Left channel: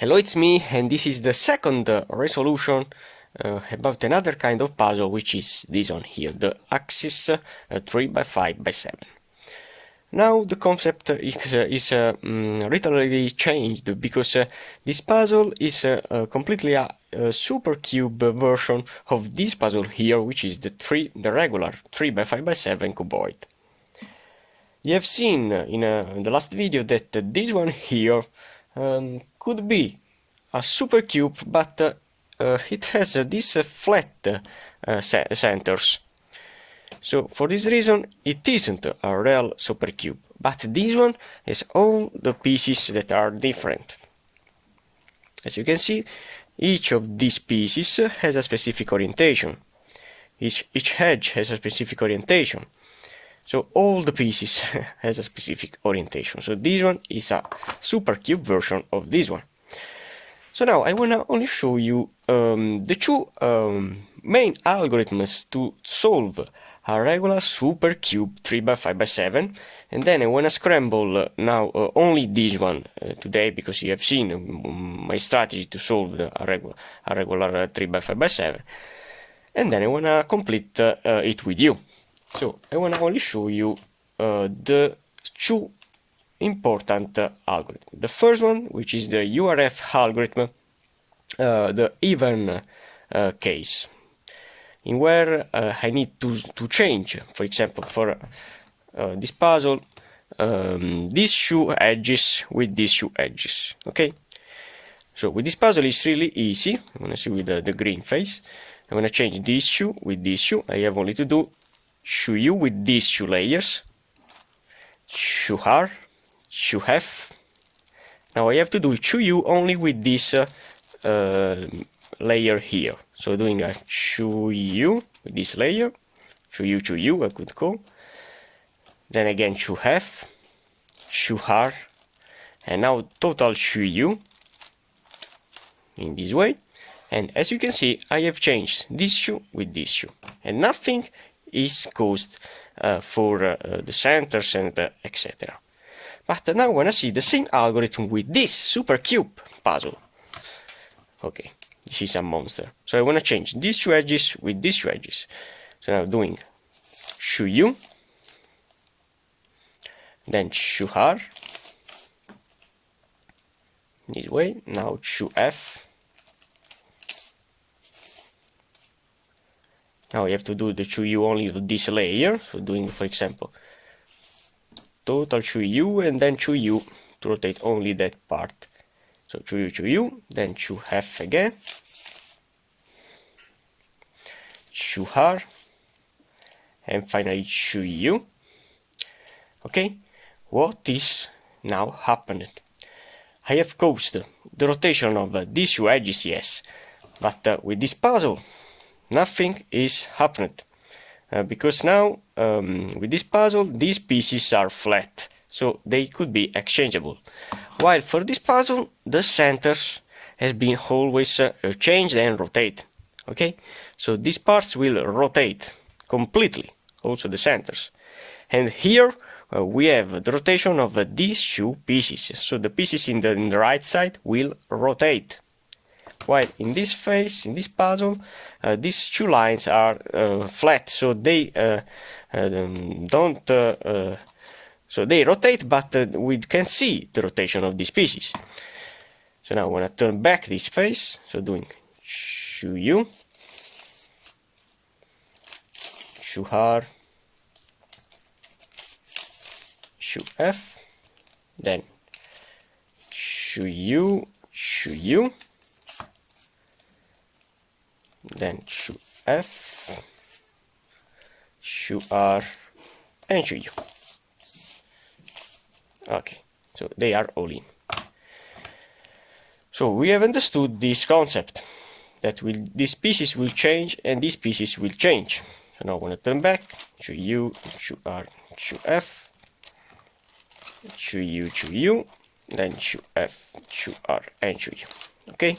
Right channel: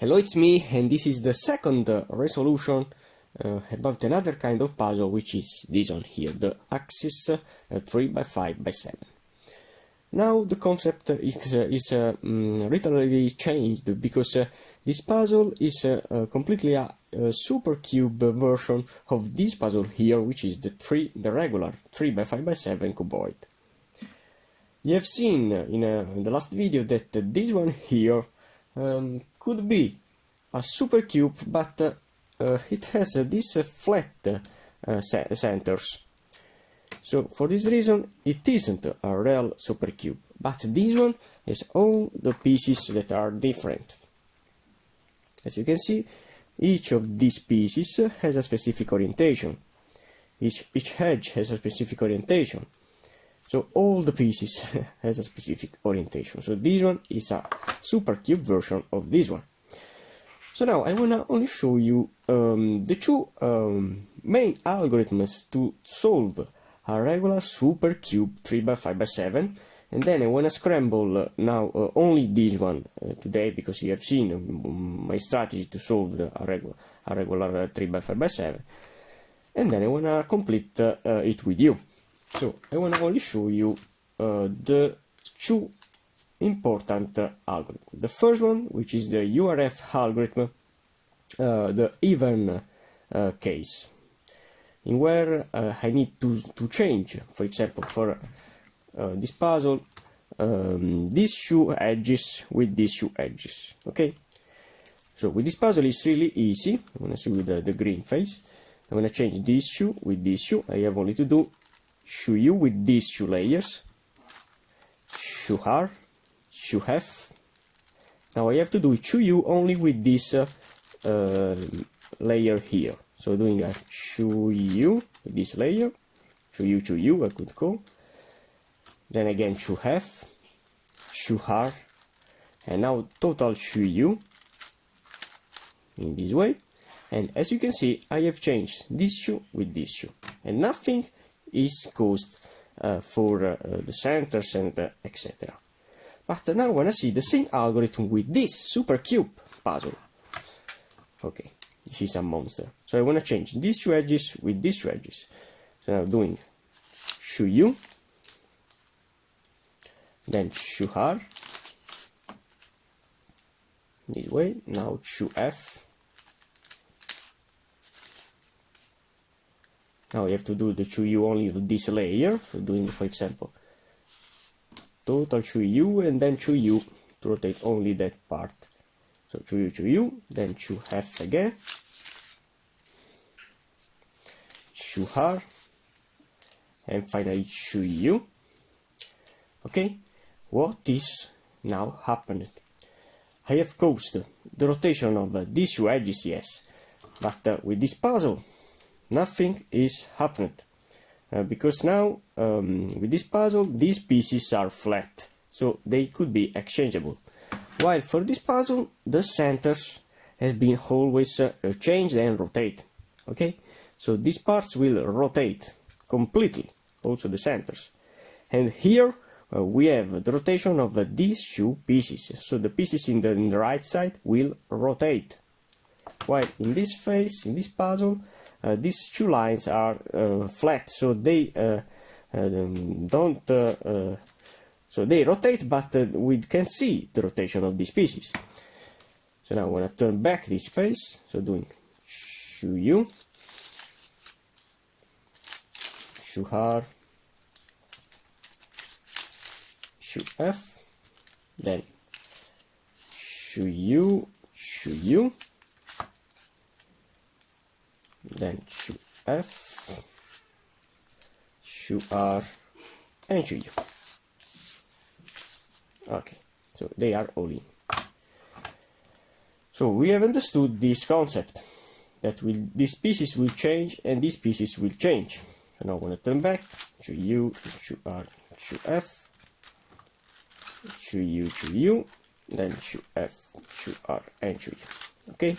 Hello, it's me, and this is the second resolution about another kind of puzzle, which is this one here, the Axis 3x5x7. Now the concept is literally changed because this puzzle is completely a super cube version of this puzzle here, which is the regular 3x5x7 cuboid. You have seen in the last video that this one here could be a super cube, but it has these flat centers. So for this reason, it isn't a real super cube, but this one has all the pieces that are different. As you can see, each of these pieces has a specific orientation. Each edge has a specific orientation. So all the pieces has a specific orientation. So this one is a super cube version of this one. So now I wanna only show you the two main algorithms to solve a regular super cube 3x5x7, and then I wanna scramble now only this one today, because you have seen my strategy to solve a regular 3x5x7, and then I wanna complete it with you. So I want to only show you the two important algorithms. The first one, which is the Urf algorithm, the even case, in where I need to change, for example, for this puzzle, these two edges with these two edges. Okay. So with this puzzle, it's really easy. I'm gonna see with the green face. I'm gonna change these two with these two. I have only to do show you with these two layers, show R, show F. Now I have to do show you only with this layer here. So doing a show you with this layer, show you, I could call. Then again show F, show R, and now total show you in this way. And as you can see, I have changed this shoe with this shoe, and nothing is caused for the centers and etc. But now I want to see the same algorithm with this super cube puzzle. Okay, this is a monster. So I want to change these two edges with these two edges. So now doing show you, then show R, this way. Now show F. Now I have to do the show you only with this layer. So doing, for example, total show you, and then show you to rotate only that part. So show you, then show F again, show R, and finally show you. Okay, what is now happened? I have caused the rotation of these two edges, yes, but with this puzzle, nothing is happening, because now with this puzzle these pieces are flat, so they could be exchangeable, while for this puzzle the centers has been always changed and rotated. Okay, so these parts will rotate completely, also the centers, and here we have the rotation of these two pieces, so the pieces in the right side will rotate, while in this phase, in this puzzle, these two lines are flat, so they so they rotate, but we can see the rotation of these pieces. So now I want to turn back this face, so doing show you, show R, show F, then show you, then show F, show R, and show you. Okay, so they are all in. So we have understood this concept, that these pieces will change and these pieces will change. So now I want to turn back, show you, show R, show F, show you, then show F, show R, and show you. Okay,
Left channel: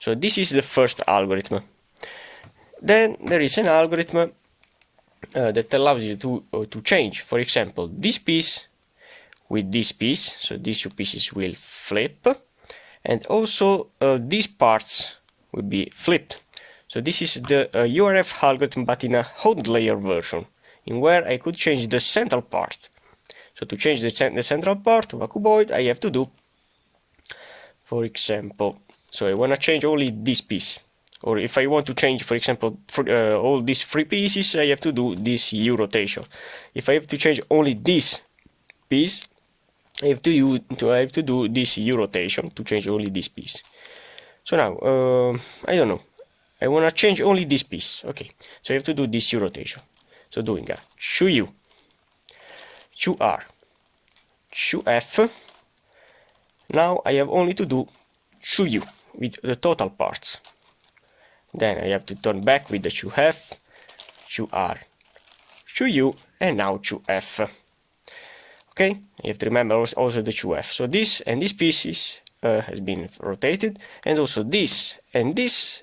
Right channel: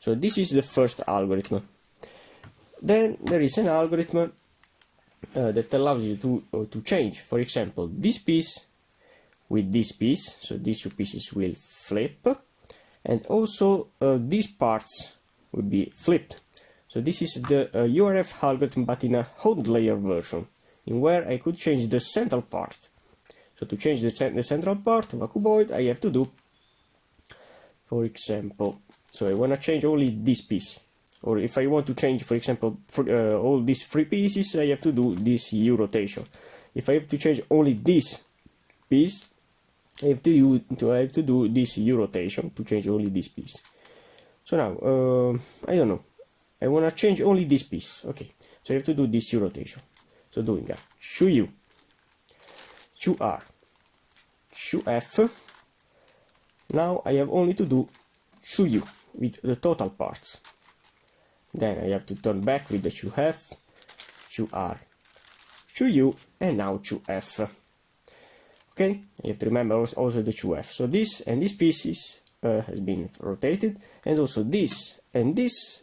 so this is the first algorithm. Then there is an algorithm that allows you to change, for example, this piece with this piece, so these two pieces will flip, and also these parts will be flipped. So this is the Urf algorithm, but in a hot layer version, in where I could change the central part. So to change the central part of a cuboid, I have to do, for example, so I want to change only this piece. Or if I want to change, for example, all these three pieces, I have to do this U rotation. If I have to change only this piece, I have to do this U rotation to change only this piece. So now, I don't know. I want to change only this piece. Okay, so I have to do this U rotation. So doing a Shu U, Shu R, Shu F. Now I have only to do Shu U with the total parts. Then I have to turn back with the Shu F, Shu R, Shu U, and now Shu F. Okay, you have to remember also the Shu F. So this and this pieces has been rotated, and also this and this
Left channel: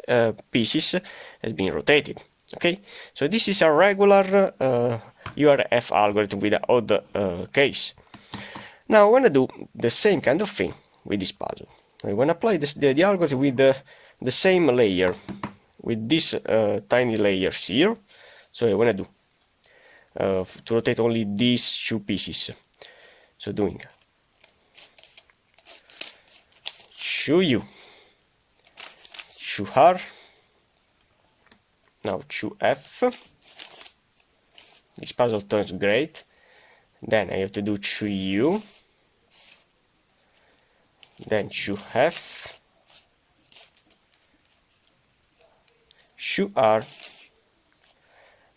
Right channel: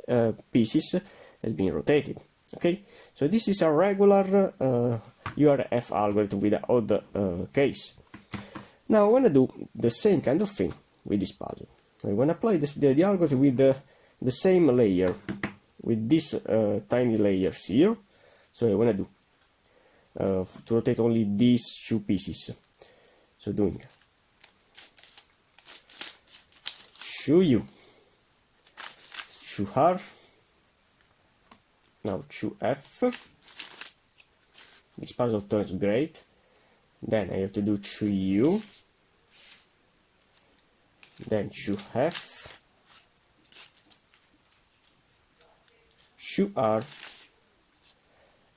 pieces has been rotated. Okay, so this is a regular Urf algorithm with an odd case. Now I want to do the same kind of thing with this puzzle. I want to apply the algorithm with the same layer, with these tiny layers here. So I want to do to rotate only these two pieces. So doing Shu U, Shu R, now Shu F. This puzzle turns great. Then I have to do Shu U, then Shu F, Shu R,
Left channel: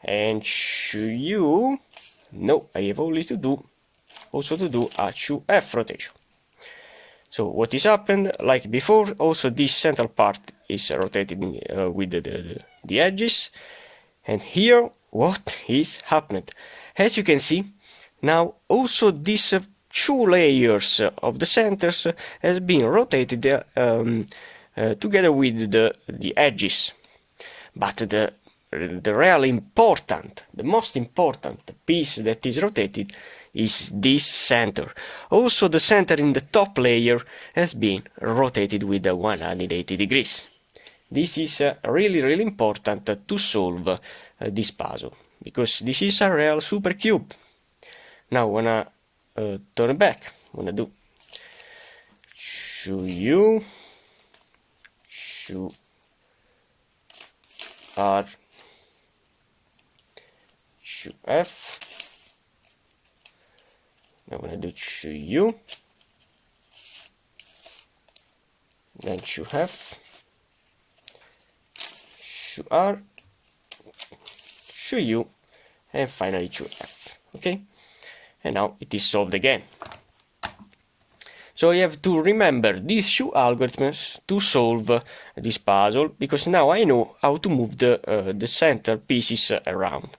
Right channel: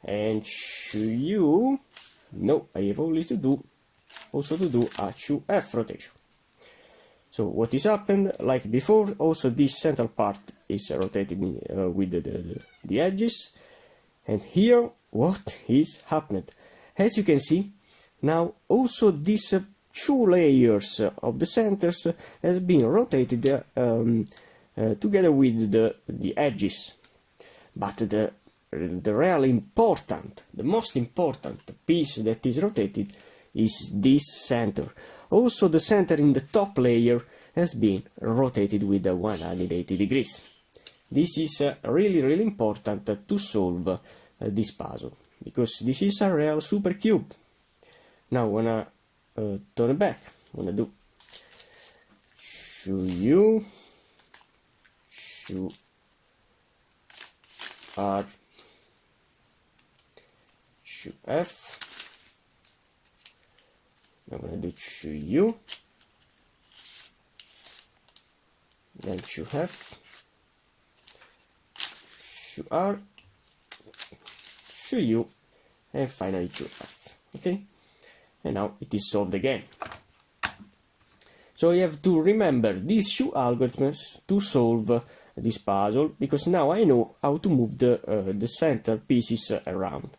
and Shu U. No, I have only to do a Shu F rotation. So what is happened, like before, also this central part is rotated with the edges. And here, what is happened? As you can see, now also these two layers of the centers has been rotated together with the edges. But the really important, the most important piece that is rotated is this center. Also the center in the top layer has been rotated with 180 degrees. This is really important to solve this puzzle, because this is a real supercube. Now I wanna turn back. I wanna do Shu U, Shu R, Shu F. Now I'm gonna do Shu U, then Shu F, Shu R, Shu U, and finally Shu F. Okay, and now it is solved again. So I have to remember these two algorithms to solve this puzzle, because now I know how to move the center pieces around.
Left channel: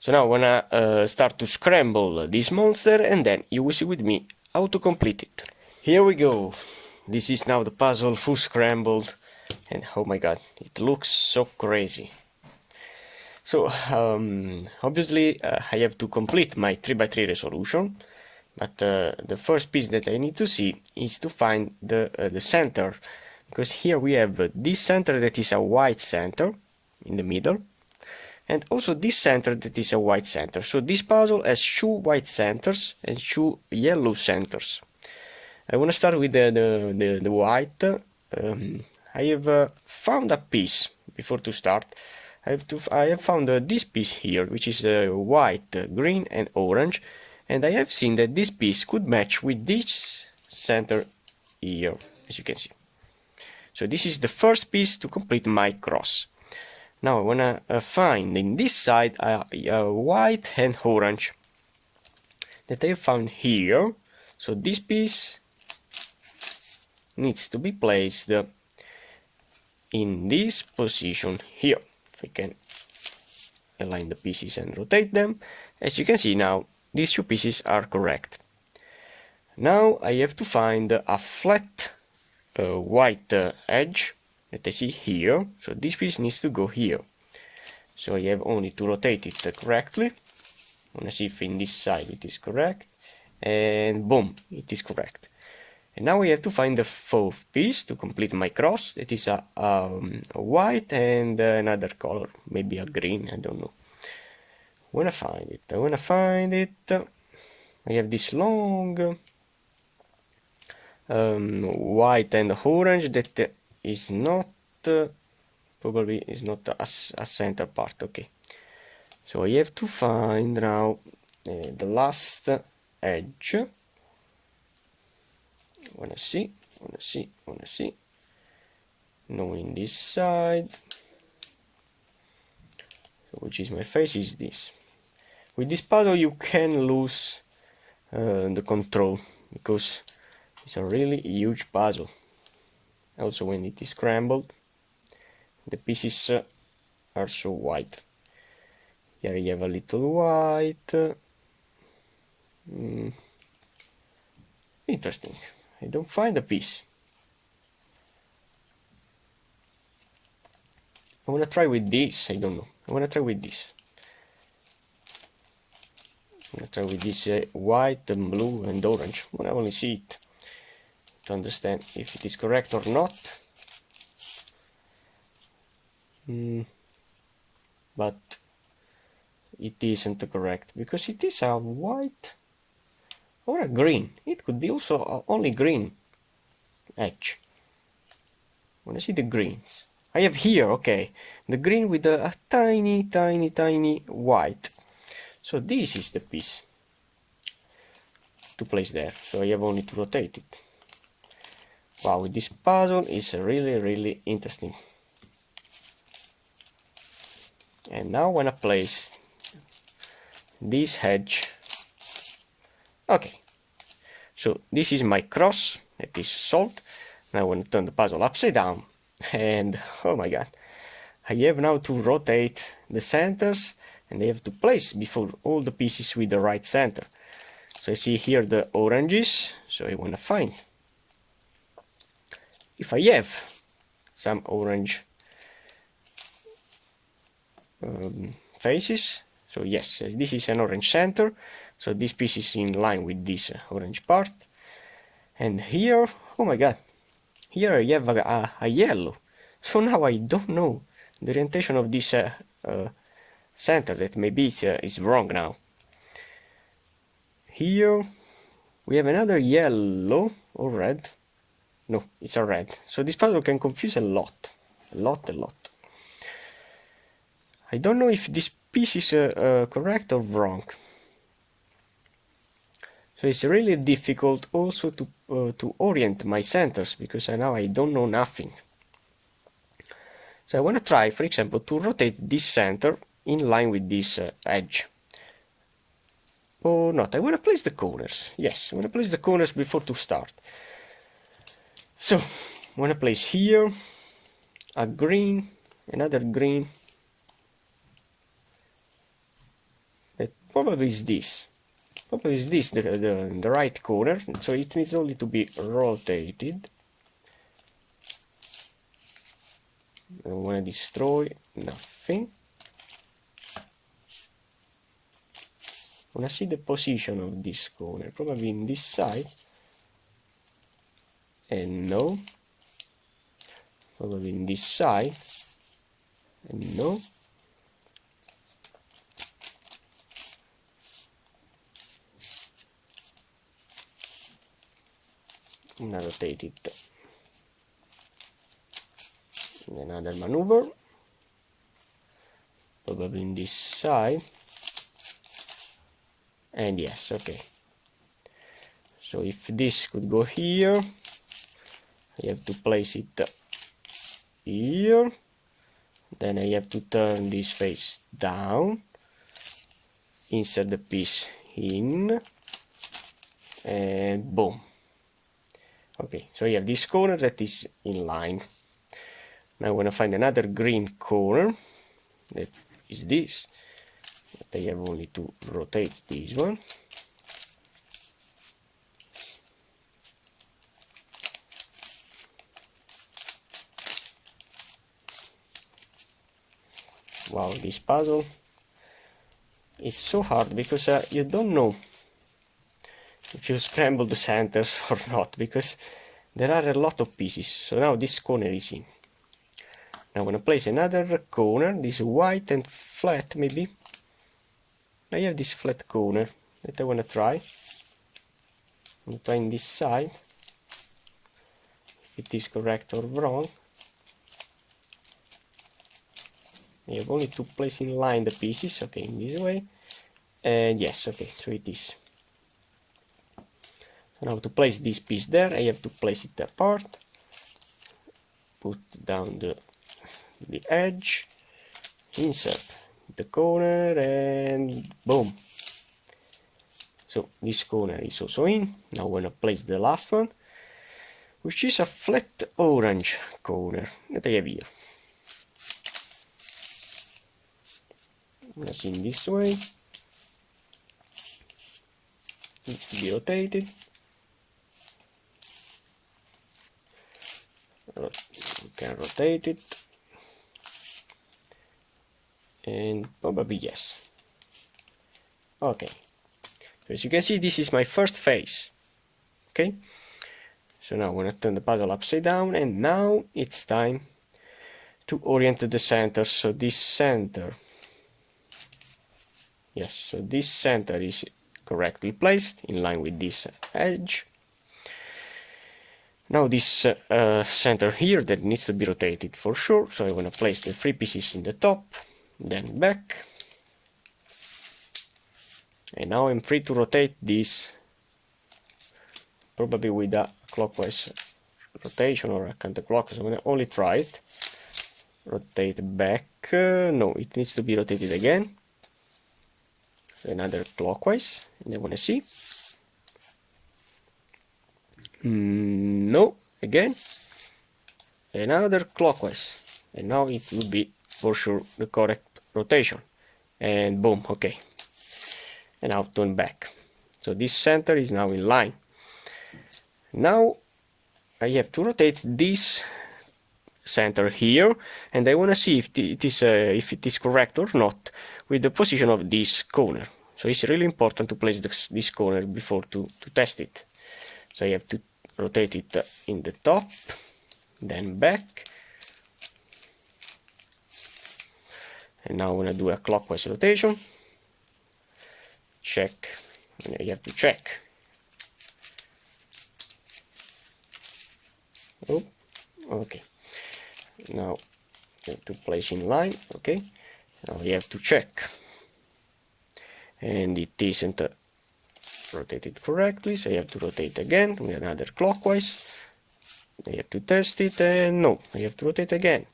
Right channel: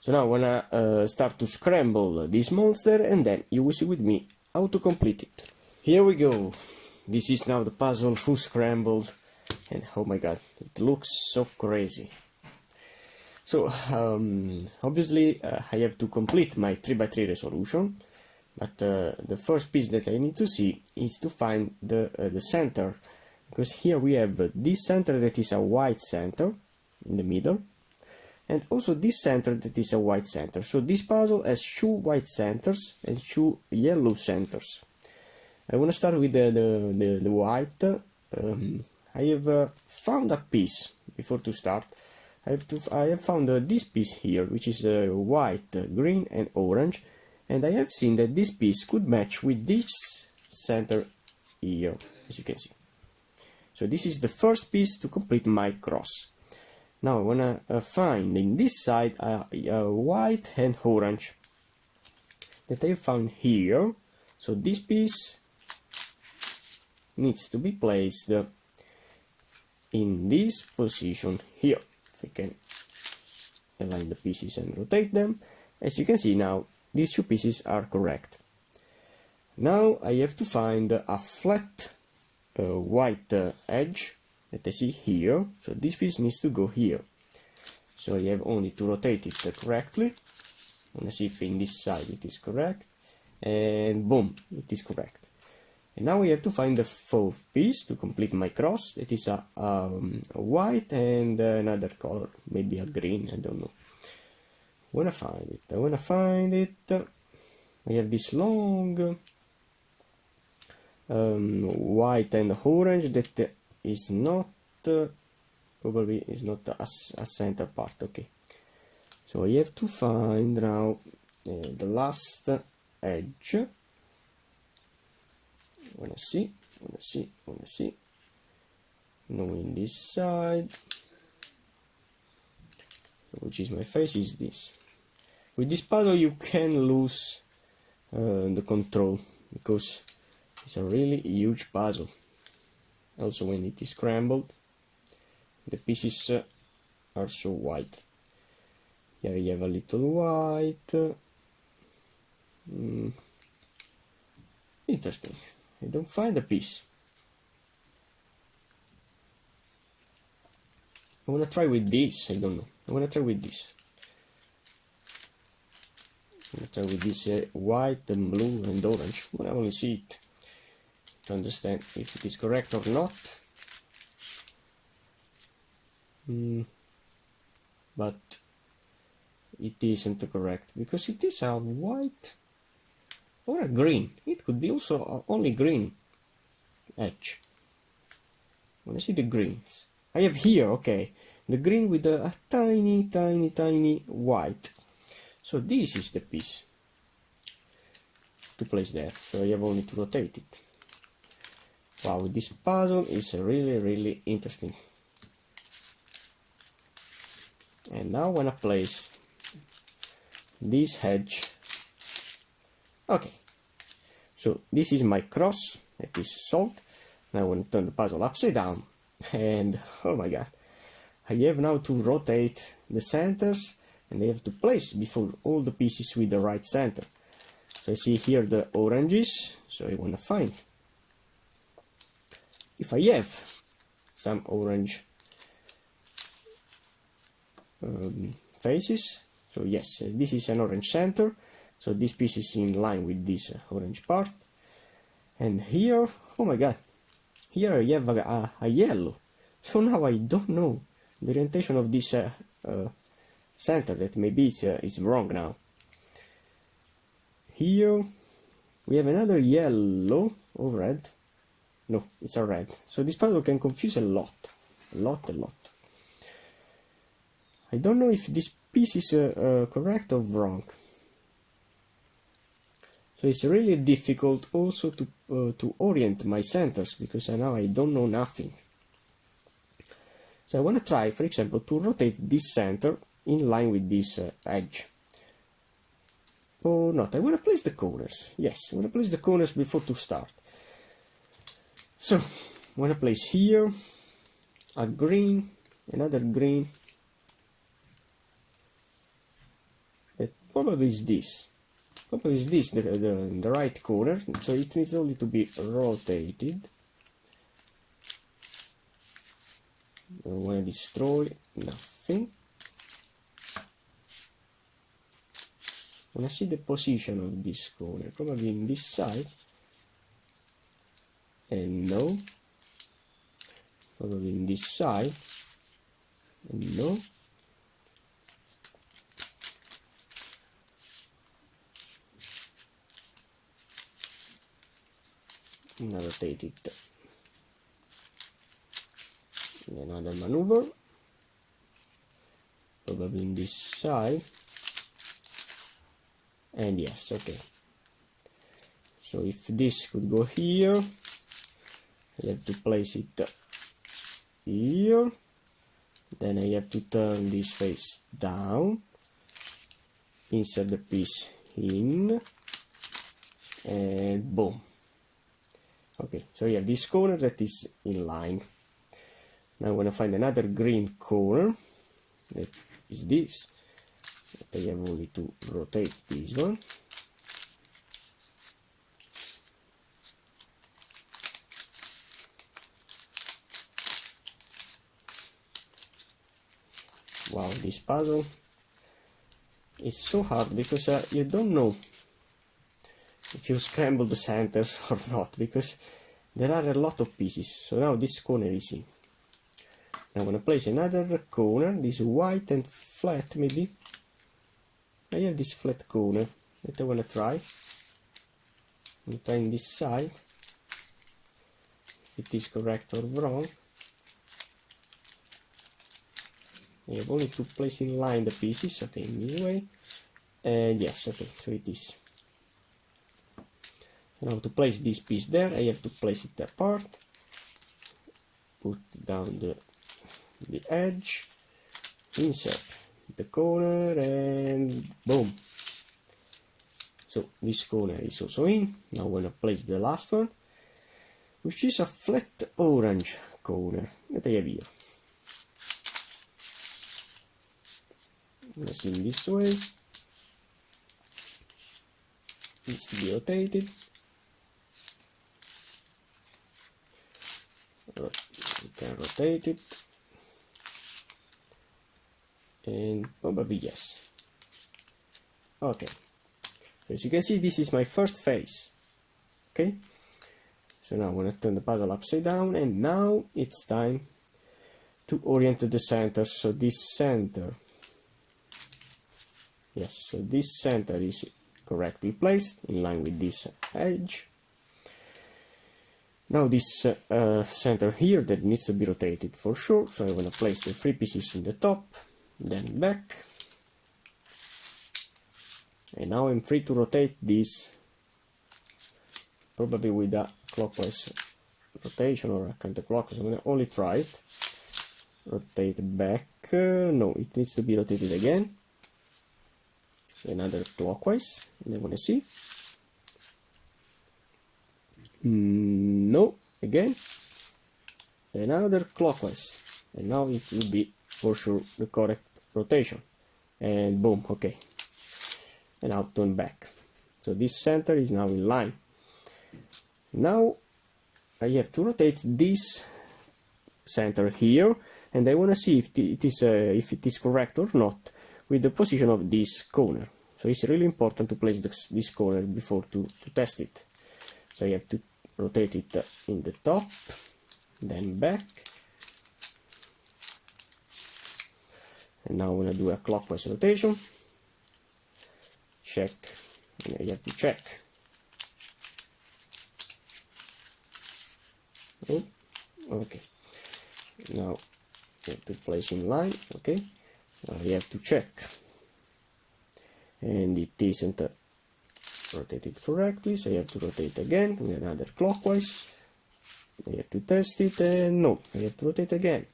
So now I wanna start to scramble this monster, and then you will see with me how to complete it. Here we go. This is now the puzzle full scrambled, and oh my god, it looks so crazy. So obviously I have to complete my 3x3 resolution, but the first piece that I need to see is to find the center, because here we have this center that is a white center in the middle, and also this center that is a white center. So this puzzle has two white centers and two yellow centers. I want to start with the white. I have found a piece before to start. I have found this piece here, which is white, green and orange, and I have seen that this piece could match with this center here, as you can see. So this is the first piece to complete my cross. Now I wanna find in this side a white and orange that I found here. So this piece needs to be placed in this position here. If I can align the pieces and rotate them, as you can see now, these two pieces are correct. Now I have to find a flat white edge that I see here. So this piece needs to go here. So I have only to rotate it correctly. I want to see if in this side it is correct. And boom, it is correct. And now we have to find the fourth piece to complete my cross. That is a white and another color, maybe a green, I don't know. I wanna find it. I have this long white and orange that is not probably is not a center part. Okay, so I have to find now the last edge. Wanna see. Knowing this side, which is my face, is this. With this puzzle you can lose the control because it's a really huge puzzle. Also, when it is scrambled, the pieces are so white. Here you have a little white. Interesting. I don't find a piece. I wanna try with this. I don't know. I wanna try with this. I'm gonna try with this white and blue and orange. I wanna only see it to understand if it is correct or not. But it isn't correct because it is a white or a green. It could be also only green edge. I wanna see the greens. I have here, okay, the green with a tiny white. So this is the piece to place there. So I have only to rotate it. Wow, this puzzle is really interesting. And now I wanna place this edge. Okay, so this is my cross that is solved. Now I want to turn the puzzle upside down, and oh my god, I have now to rotate the centers, and I have to place before all the pieces with the right center. So I see here the oranges, so I want to find if I have some orange faces. So yes, this is an orange center, so this piece is in line with this orange part. And here, oh my god, here I have a yellow. So now I don't know the orientation of this center, that maybe is wrong now. Here we have another yellow or red. No, it's a red. So this puzzle can confuse a lot. I don't know if this piece is correct or wrong. So it's really difficult also to orient my centers because now I don't know nothing. So I want to try, for example, to rotate this center in line with this edge. Or not, I want to place the corners. Yes, I want to place the corners before to start. So, I want to place here a green, another green. That probably is this. Probably is this the right corner, so it needs only to be rotated. I don't want to destroy nothing. I want to see the position of this corner, probably in this side. And no. Probably in this side. And no. I'm gonna rotate it. Another maneuver. Probably in this side. And yes, okay. So if this could go here, I have to place it here. Then I have to turn this face down, insert the piece in, and boom. Okay, so I have this corner that is in line. Now I want to find another green corner, that is this. But I have only to rotate this one. Wow, this puzzle is so hard because you don't know if if you scramble the centers or not, because there are a lot of pieces. So now this corner is in. Now I'm gonna place another corner, this white and flat maybe. I have this flat corner that I wanna try. I'm trying this side, if it is correct or wrong. I have only to place in line the pieces, okay, in this way. And yes, okay, so it is. So now to place this piece there, I have to place it apart. Put down the edge, insert the corner, and boom. So this corner is also in. Now I'm gonna place the last one, which is a flat orange corner that I have here. I'm gonna see in this way. Needs to be rotated. You can rotate it. And probably yes. Okay. So as you can see, this is my first phase. Okay. So now I'm gonna turn the puzzle upside down, and now it's time to orient the center. So this center, yes, so this center is correctly placed in line with this edge. Now this center here that needs to be rotated for sure, so I want to place the 3 pieces in the top, then back, and now I'm free to rotate this, probably with a clockwise rotation or a counterclockwise. I'm going to only try it. Rotate back, no, it needs to be rotated again. So another clockwise, and I want to see. No, again, another clockwise, and now it will be for sure the correct rotation, and boom, okay, and now turn back. So this center is now in line. Now I have to rotate this center here, and I want to see if it is correct or not with the position of this corner. So it's really important to place this corner before to test it. So I have to rotate it in the top, then back, and now I'm gonna do a clockwise rotation. Check, and you have to check. Oh, okay. Now I have to place in line. Okay. Now you have to check, and it isn't rotated correctly, so you have to rotate again with another clockwise. You have to test it, and no, you have to rotate again.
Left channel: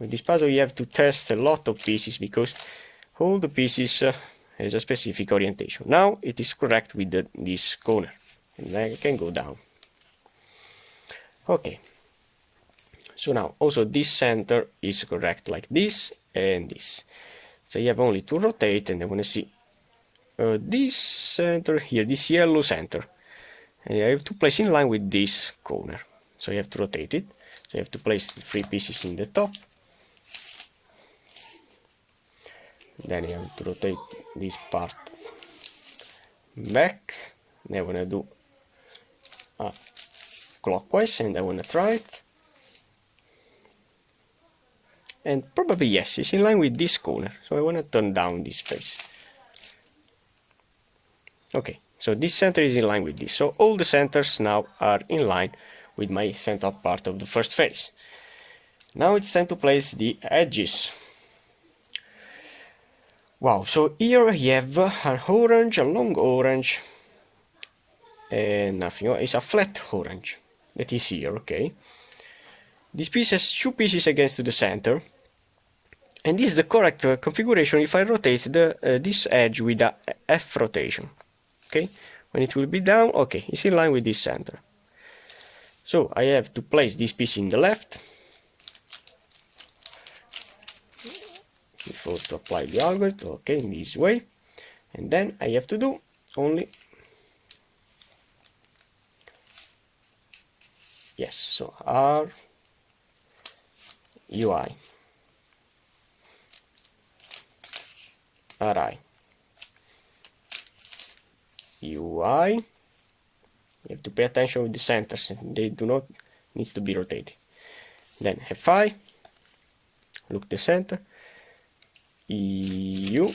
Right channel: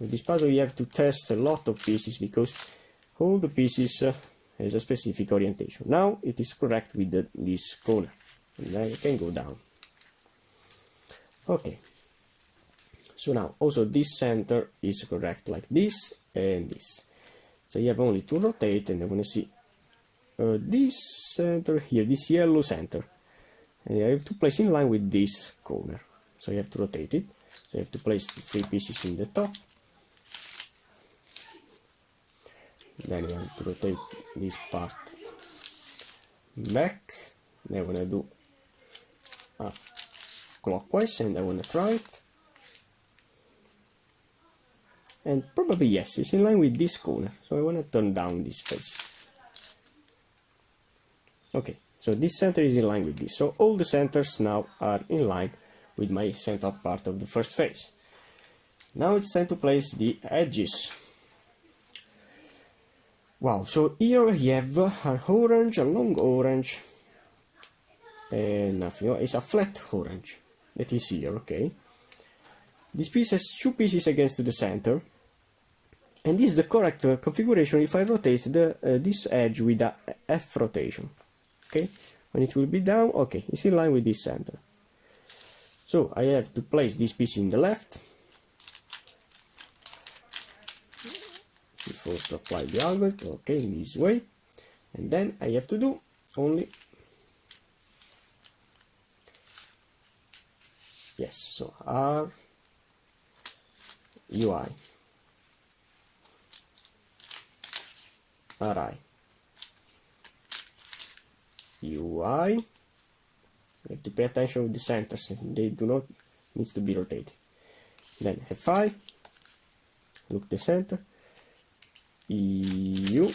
With this puzzle you have to test a lot of pieces because all the pieces has a specific orientation. Now it is correct with this corner, and I can go down. Okay, so now also this center is correct like this and this, so you have only to rotate, and I want to see this center here, this yellow center, and I have to place in line with this corner, so you have to rotate it. So you have to place the 3 pieces in the top, then you have to rotate this part back, and I want to do clockwise, and I want to try it, and probably yes, it's in line with this corner, so I want to turn down this face. Okay, so this center is in line with this, so all the centers now are in line with my central part of the first phase. Now it's time to place the edges. Wow, so here I have an orange, a long orange, and nothing, it's a flat orange that is here, okay. This piece has 2 pieces against the center, and this is the correct configuration if I rotate this edge with a F rotation. Okay, when it will be down, okay, it's in line with this center. So I have to place this piece in the left before to apply the algorithm, okay, in this way, and then I have to do only, yes, so R UI RI. UI. You have to pay attention with the centers, they do not need to be rotated. Then Fi, look the center, EU.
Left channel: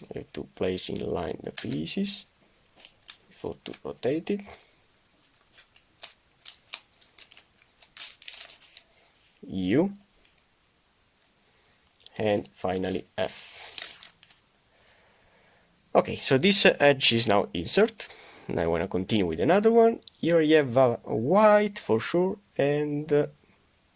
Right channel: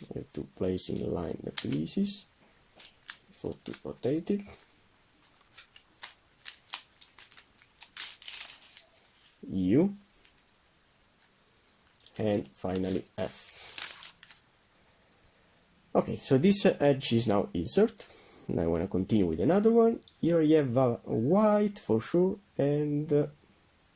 You have to place in line the pieces before to rotate it. U, and finally F. Okay, so this edge is now insert. Now I want to continue with another one. Here you have a white for sure and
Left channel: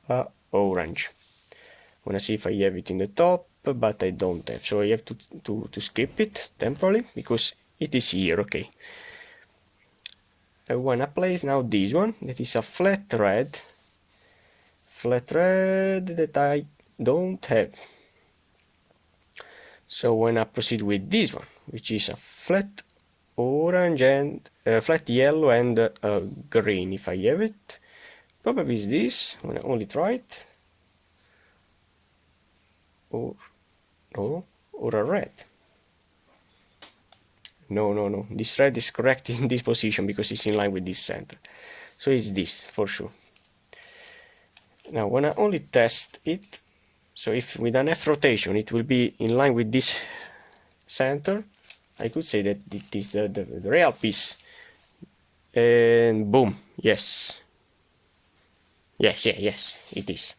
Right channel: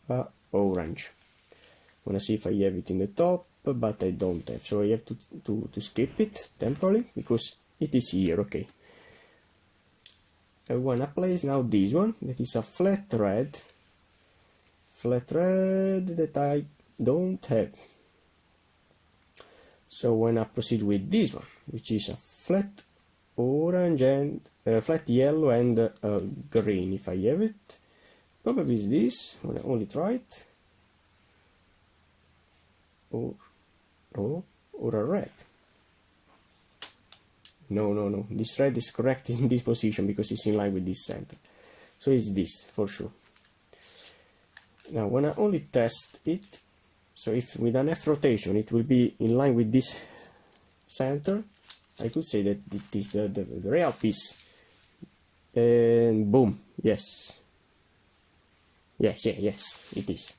a orange. I want to see if I have it in the top, but I don't have, so I have to skip it temporarily because it is here. Okay, I want to place now this one that is a flat red that I don't have. So when I proceed with this one, which is a flat orange and flat yellow and green, if I have it, probably is this. I'm gonna only try it, or no, or a red. No, this red is correct in this position because it's in line with this center, so it's this for sure. Now when I only test it, so if with an F rotation it will be in line with this center, I could say that it is the real piece, and boom, yes, it is.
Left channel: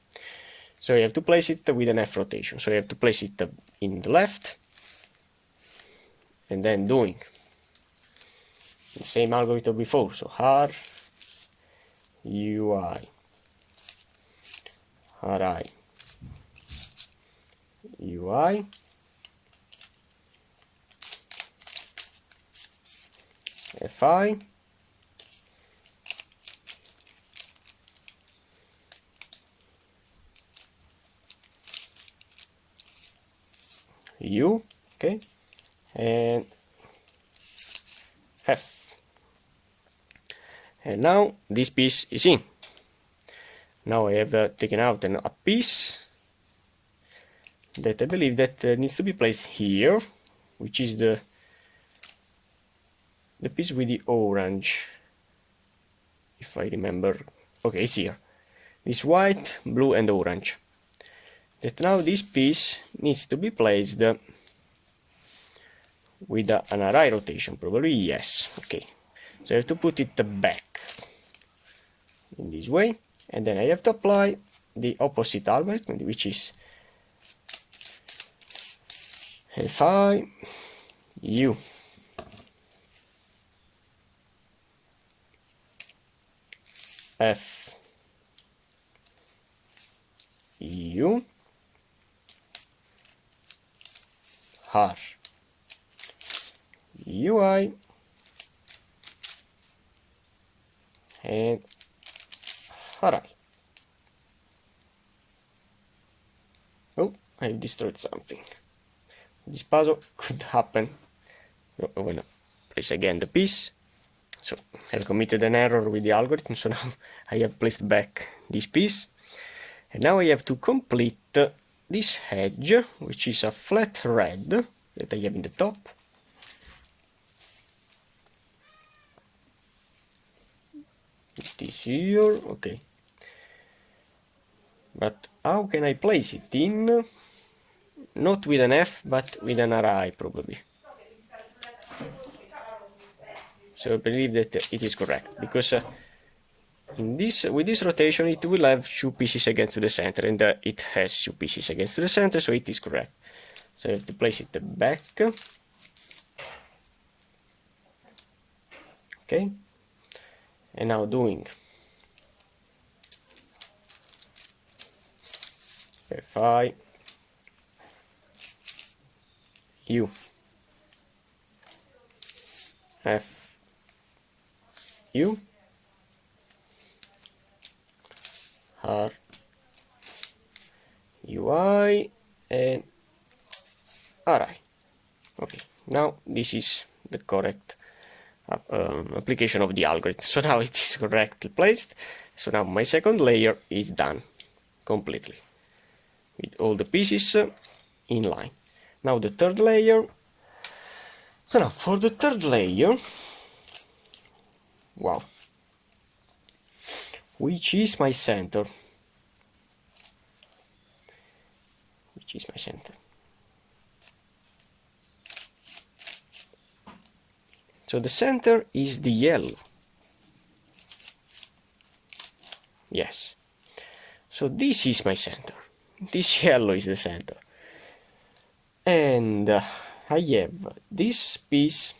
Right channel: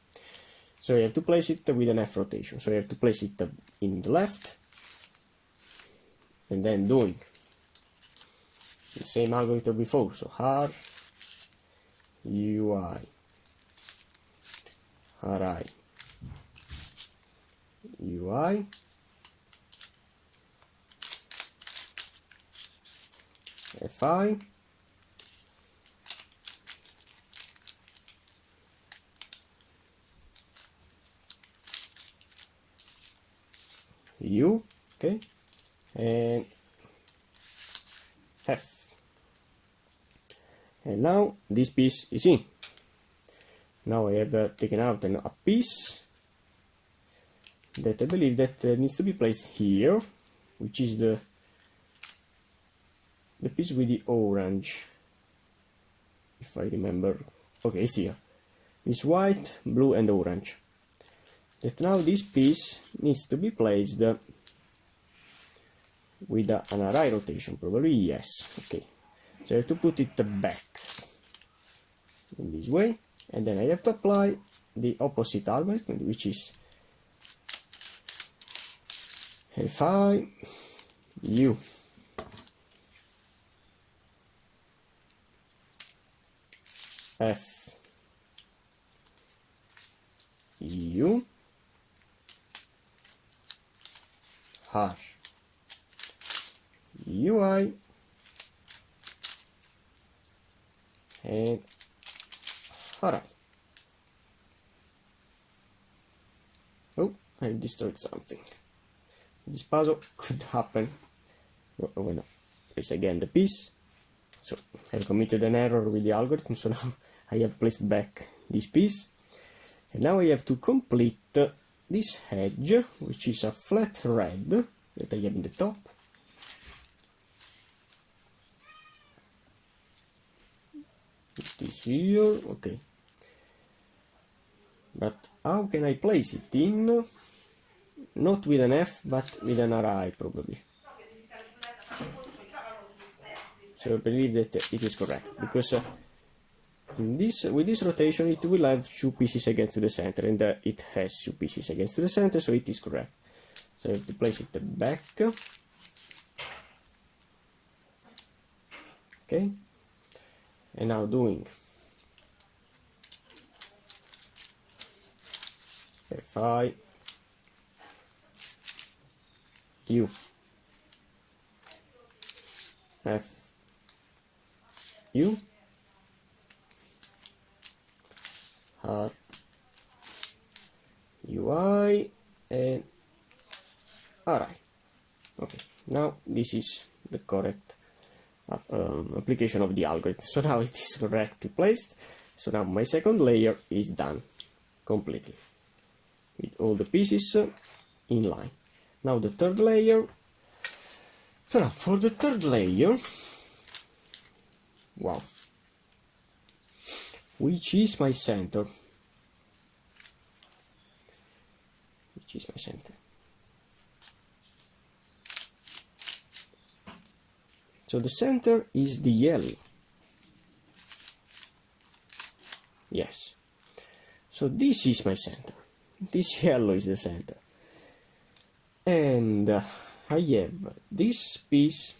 So you have to place it with an F rotation, so you have to place it in the left, and then doing the same algorithm before, so R, UI, RI, UI, FI, U, okay, and F. And now this piece is in. Now I have taken out a piece that I believe that needs to be placed here, which is the piece with the orange, if I remember. Okay, it's here. This white, blue and orange. That now this piece needs to be placed with an array rotation, probably, yes. Okay, so I have to put it back in this way, and then I have to apply the opposite algorithm, which is Fi, U, F, U, R, UI, and RI. Oh, I destroyed something. This puzzle could happen. I want to place again the piece. So I've committed an error with the algorithm, so now I have placed back this piece. And now I have to complete this edge, which is a flat red that I have in the top. It is here, okay. But how can I place it in? Not with an F, but with an RI probably. So I believe that it is correct, because with this rotation it will have two pieces against the center, and it has two pieces against the center, so it is correct. So I have to place it back. Okay, and now doing Fi, U, F, U, R, UI, and RI. Okay, now this is the correct application of the algorithm. So now it is correctly placed. So now my second layer is done completely with all the pieces in line. Now the third layer, So now for the third layer, wow, which is my center? Which is my center? So the center is the yellow. Yes. So this is my center. This yellow is the center. And I have this piece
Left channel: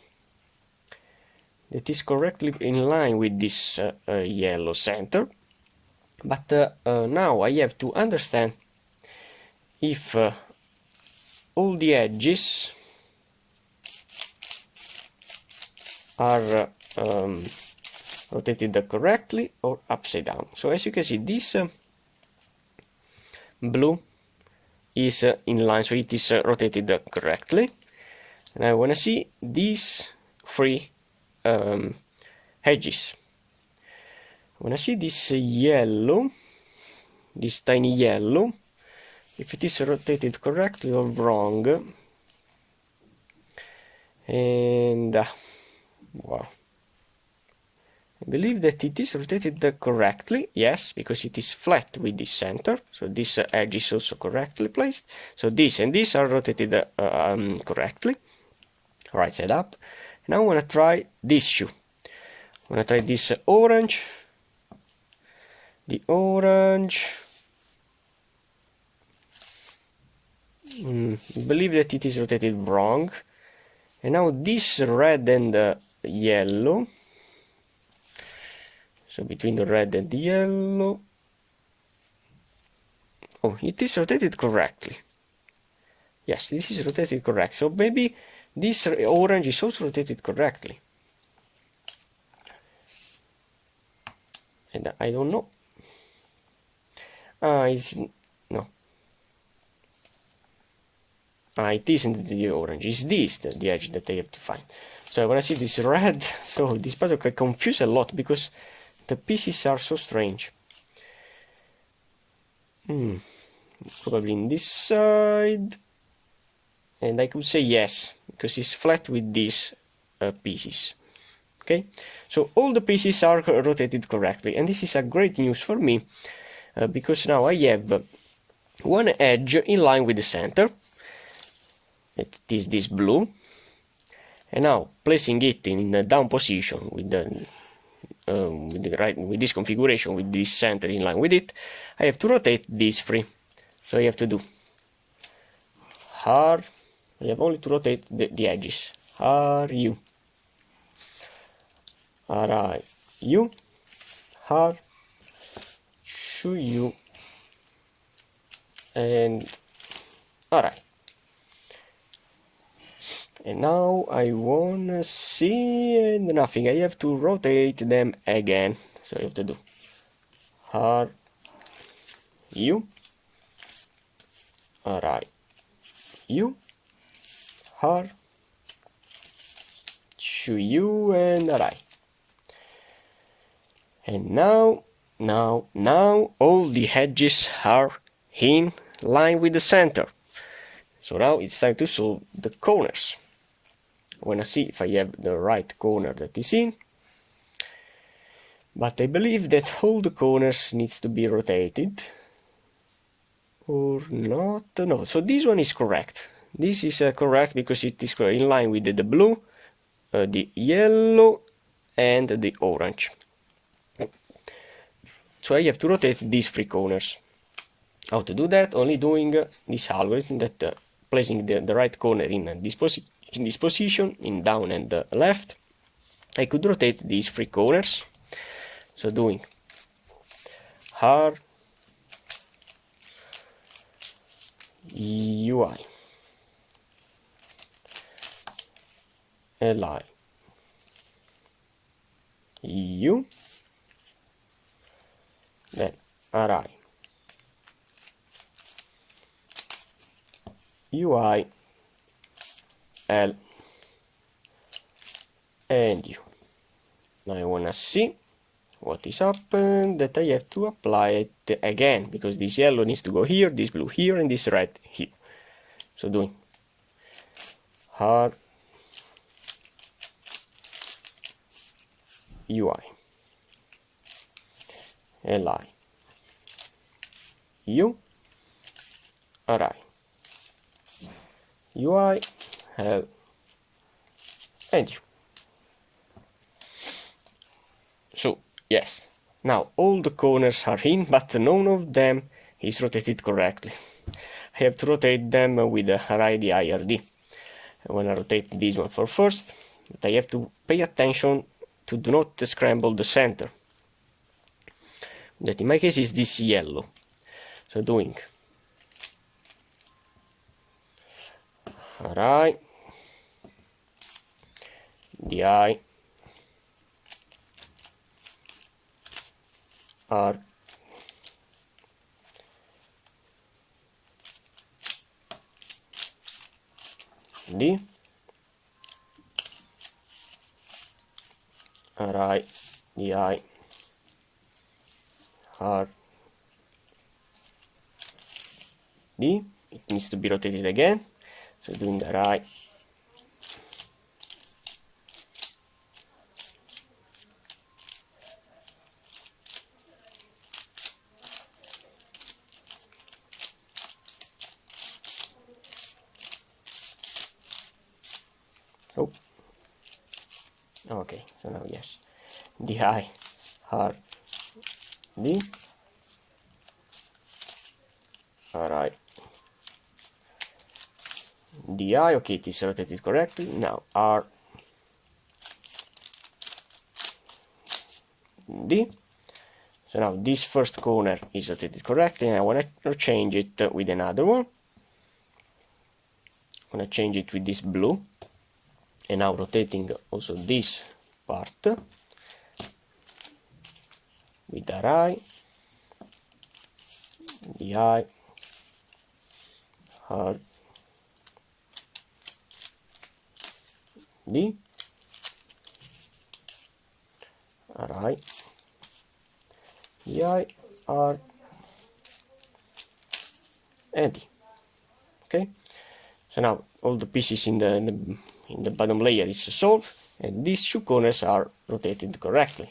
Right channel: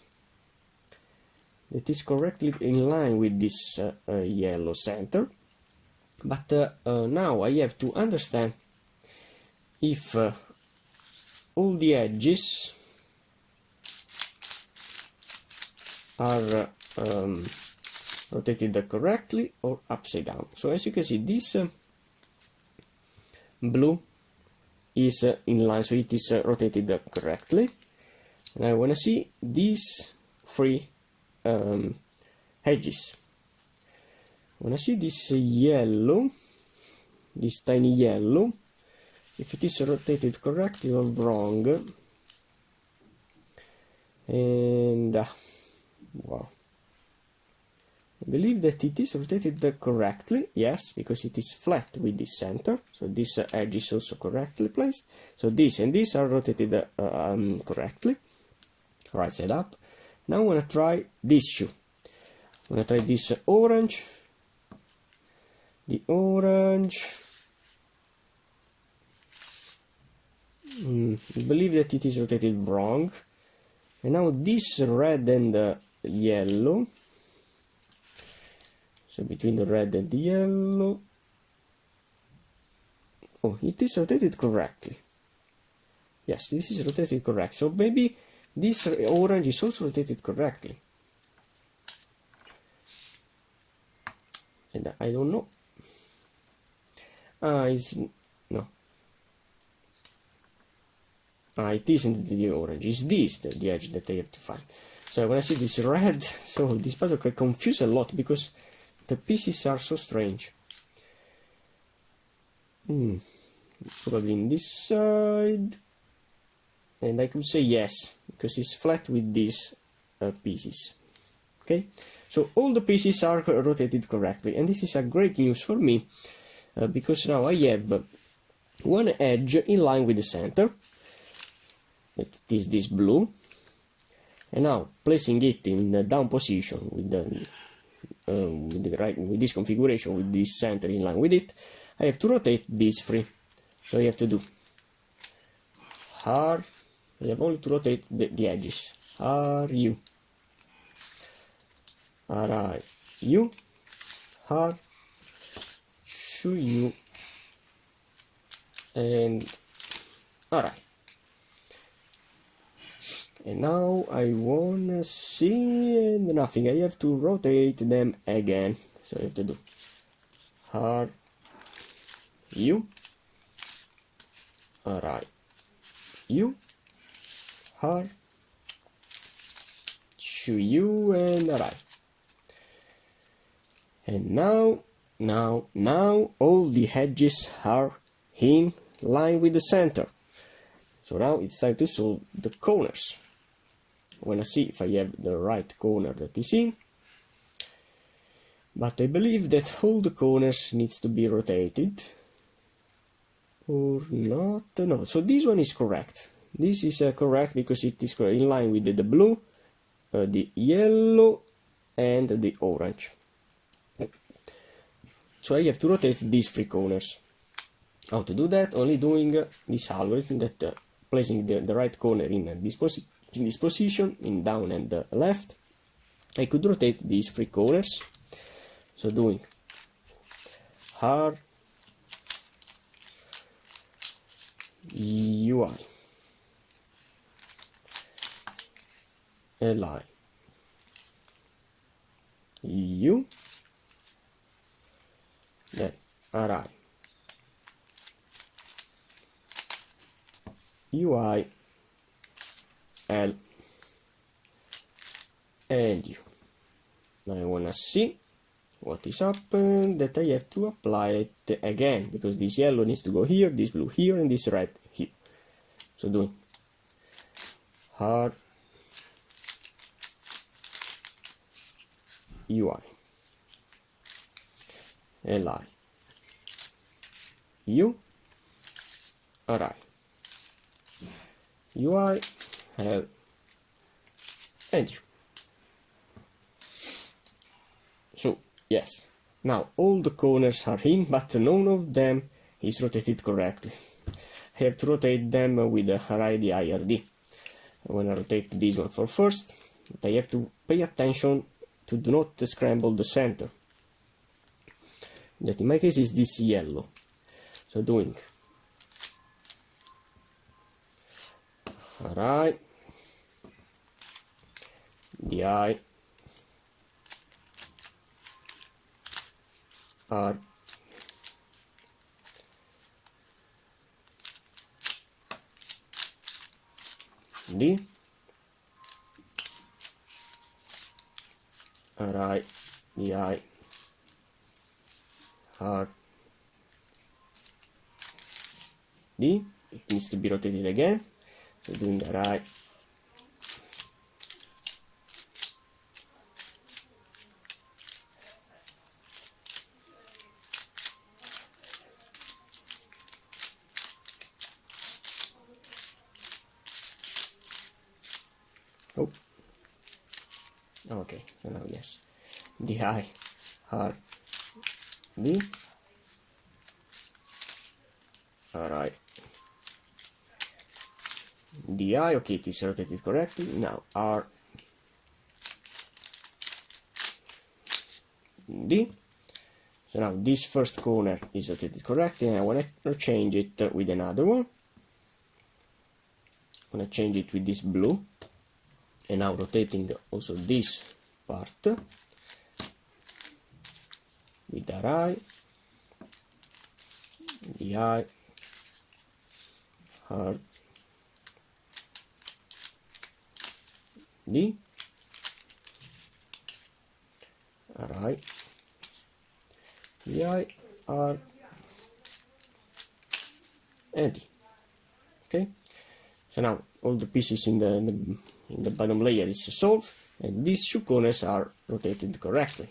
that is correctly in line with this yellow center. But now I have to understand if all the edges are rotated correctly or upside down. So as you can see, this blue is in line, so it is rotated correctly. And I want to see these three edges. I want to see this yellow, this tiny yellow, if it is rotated correctly or wrong. And wow, I believe that it is rotated correctly, yes, because it is flat with this center, so this edge is also correctly placed. So this and this are rotated correctly, right side up. Now I want to try this shoe. I want to try this orange. The orange, I believe that it is rotated wrong. And now this red and yellow, so between the red and the yellow, oh, it is rotated correctly. Yes, this is rotated correct. So maybe this orange is also rotated correctly. And I don't know. No. It isn't the orange, it's this, the edge that I have to find. So I want to see this red, so this puzzle can confuse a lot because the pieces are so strange. Probably in this side, and I could say yes, because it's flat with these pieces. Okay, so all the pieces are rotated correctly, and this is a great news for me, because now I have one edge in line with the center. It is this blue, and now placing it in a down position with this configuration, with this center in line with it, I have to rotate these three. So I have to do R. I have only to rotate the edges. R U, R I U, R, Shu U, and R I. And now I wanna see nothing. I have to rotate them again. So I have to do R U, R I U, R, Shu U, and R I. And now all the edges are in line with the center. So now it's time to solve the corners. I want to see if I have the right corner that is in. But I believe that all the corners needs to be rotated. Or not. No, so this one is correct. This is correct because it is in line with the blue, the yellow, and the orange. So I have to rotate these three corners. How to do that? Only doing this algorithm that placing the right corner in this position, in down and left. I could rotate these three corners. So doing R UI LI U, then RI UI L and U. Now I want to see what is happened, that I have to apply it again, because this yellow needs to go here, this blue here, and this red here. So doing R UI, li, u, ri, UI, L, and u. So, yes, now all the corners are in, but none of them is rotated correctly. I have to rotate them with the RID IRD. I want to rotate this one for first, but I have to pay attention to do not scramble the center. That in my case is this yellow. So doing RI, DI, R, D, RI, DI, R, D. It needs to be rotated again. So doing the RI, oh, okay, so now yes, DI, R, D, RI, DI, okay, it is rotated correctly. Now R, D. So now this first corner is rotated correctly, and I want to change it with another one. I'm going to change it with this blue, and now rotating also this part with RI, DI, R, D, RI, DI, R, and D. Okay, so now all the pieces in the bottom layer is solved, and these two corners are rotated correctly.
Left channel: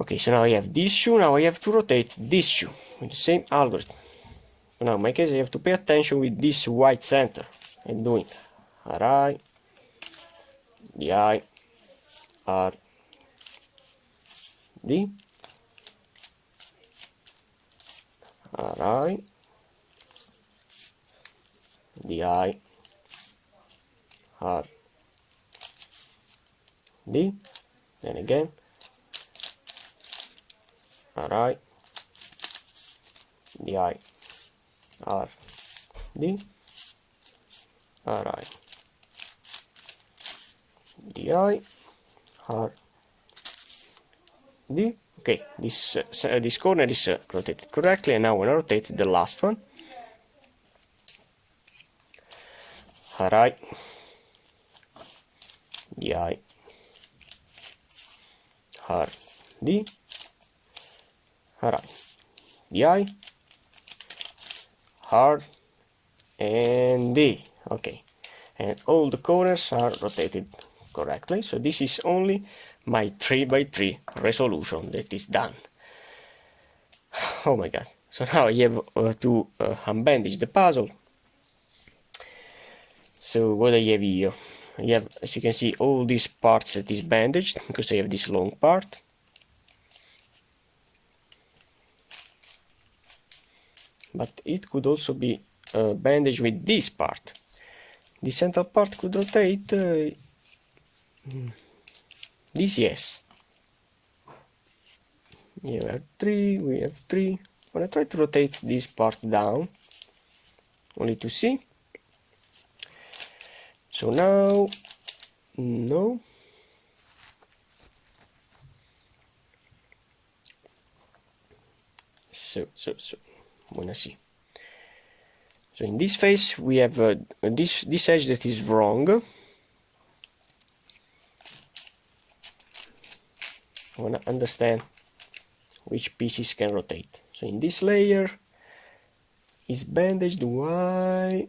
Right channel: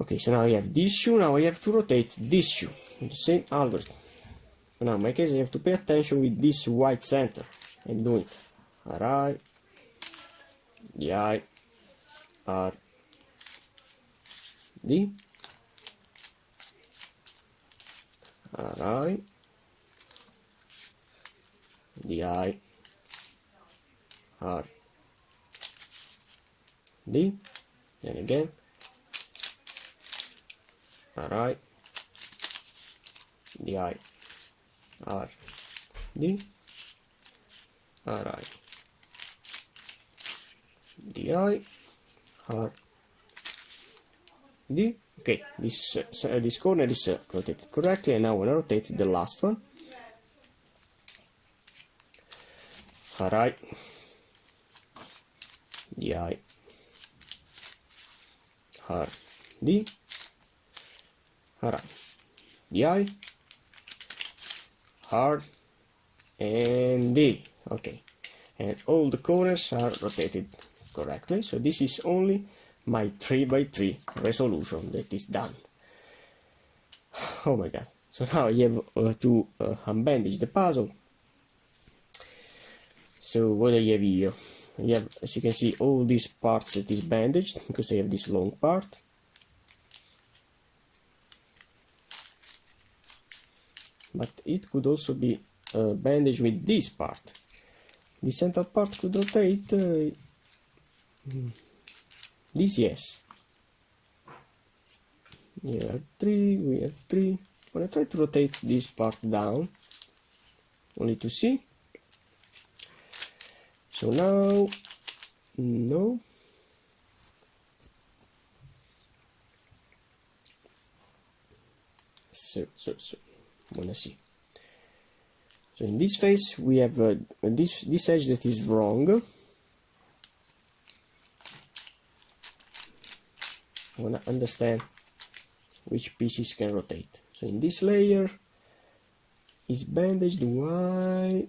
Okay, so now I have this shoe, now I have to rotate this shoe with the same algorithm. So now in my case I have to pay attention with this white center and doing RI, DI, R, D, RI, DI, R, D, then again RI, DI, R, D, RI, DI, R, D. Okay, this corner is rotated correctly, and now when I rotate the last one, RI, DI, R, D, RI, DI, R, and D. Okay, and all the corners are rotated correctly. So this is only my 3x3 resolution that is done. Oh my god. So now I have to unbandage the puzzle. So what I have here, I have, as you can see, all these parts that is bandaged, because I have this long part. But it could also be bandaged with this part. The central part could rotate. This, yes. We have three. I'm gonna try to rotate this part down, only to see. So now, no. So, I'm gonna see. So in this phase we have this edge that is wrong. I wanna understand which pieces can rotate. So in this layer is bandaged. Why?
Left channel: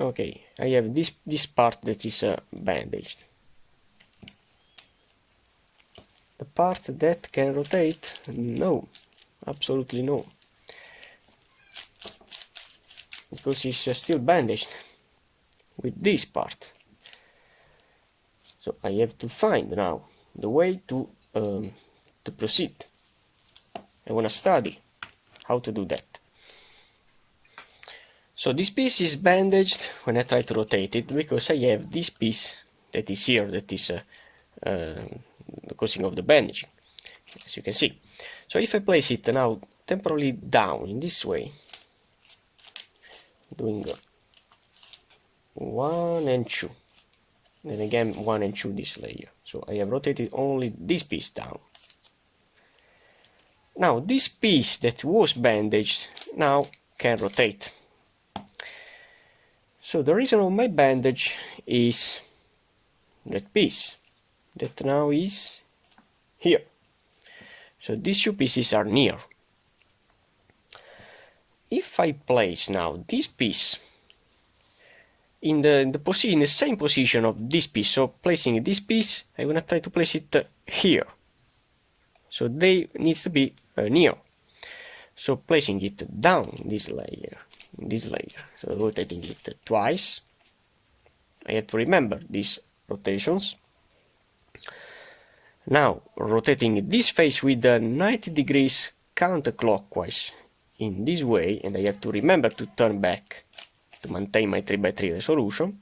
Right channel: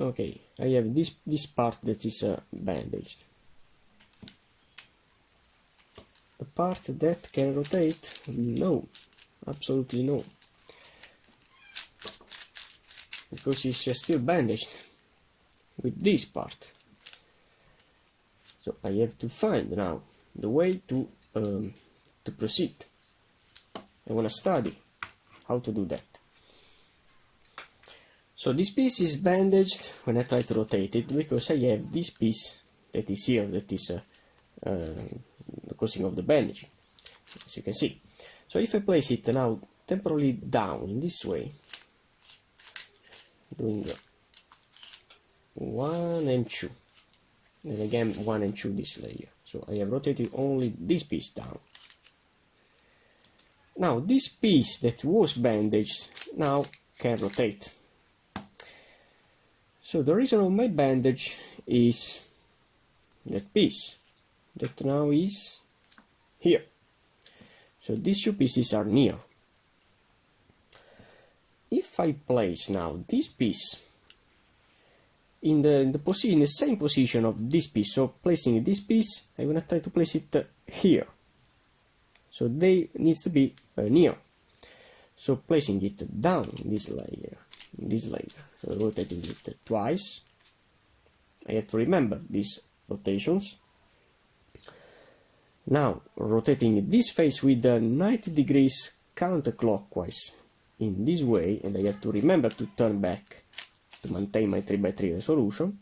Okay, I have this part that is bandaged. The part that can rotate, no, absolutely no, because it's still bandaged with this part. So I have to find now the way to proceed. I want to study how to do that. So this piece is bandaged when I try to rotate it, because I have this piece that is here, that is causing of the bandaging, as you can see. So if I place it now temporarily down in this way, doing 1 and 2, and again 1 and 2 this layer. So I have rotated only this piece down. Now this piece that was bandaged now can rotate. So the reason of my bandage is that piece that now is here. So these two pieces are near. If I place now this piece in the same position of this piece, so placing this piece, I'm gonna try to place it here. So they needs to be near. So placing it down this layer, so rotating it twice. I have to remember these rotations. Now rotating this face with 90 degrees counterclockwise in this way, and I have to remember to turn back to maintain my 3x3 resolution.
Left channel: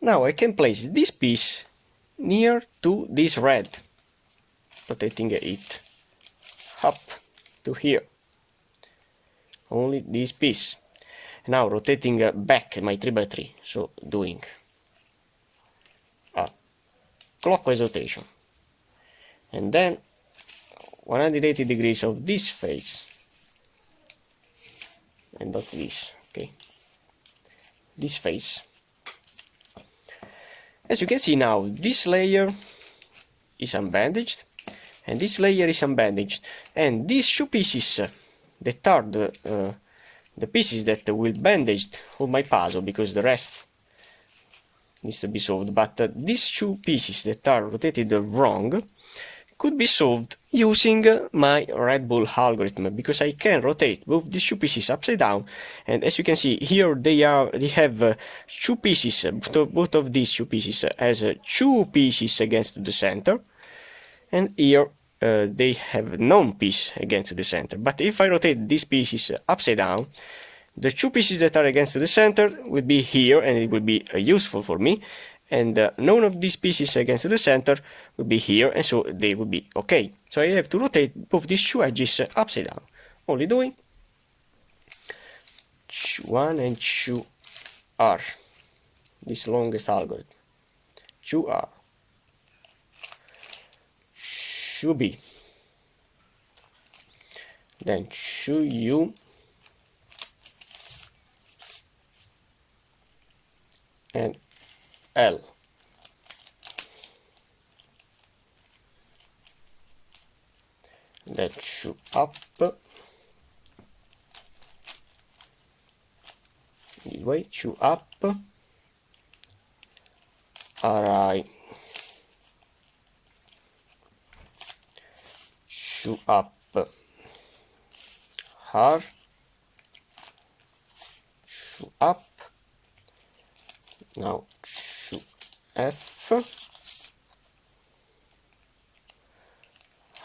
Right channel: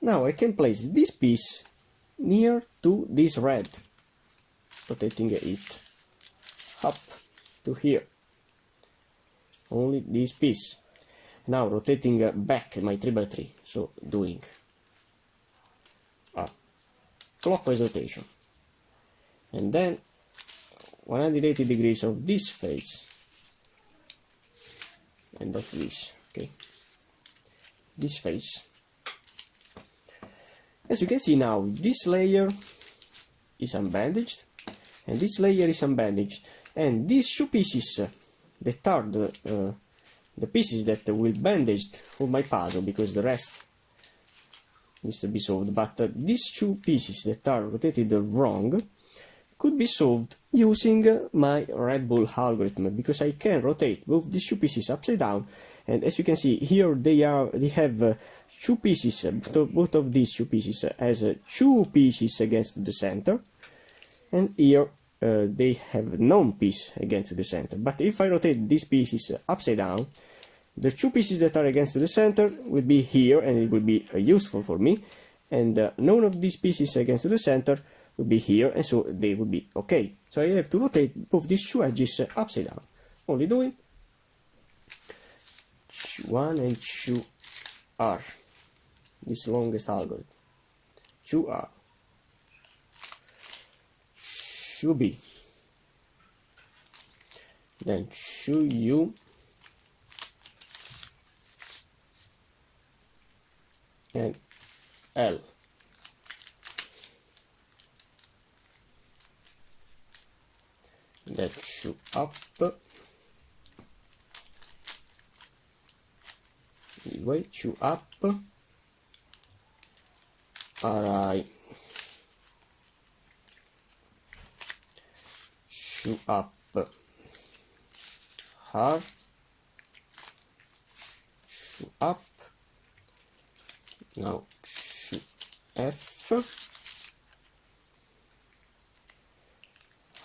Now I can place this piece near to this red, rotating it up to here. Only this piece. Now rotating back my 3x3, so doing a clockwise rotation, and then 180 degrees of this face, and not this, okay, this face. As you can see now, this layer is unbandaged, and this layer is unbandaged, and these two pieces that are the pieces that will bandage for my puzzle, because the rest needs to be solved, but these two pieces that are rotated wrong could be solved using my Red Bull algorithm, because I can rotate both these two pieces upside down, and as you can see here they have two pieces, both of these two pieces has two pieces against the center, and here they have none piece against the center. But if I rotate these pieces upside down, the two pieces that are against the center will be here, and it will be useful for me, and none of these pieces against the center will be here, and so they will be okay. So I have to rotate both these two edges upside down, only doing 1 and 2 R, this longest algorithm, 2R, 2B, then 2U, and L. Then 2 up, this way, 2 up, RI, 2 up, R, 2 up, now 2 F,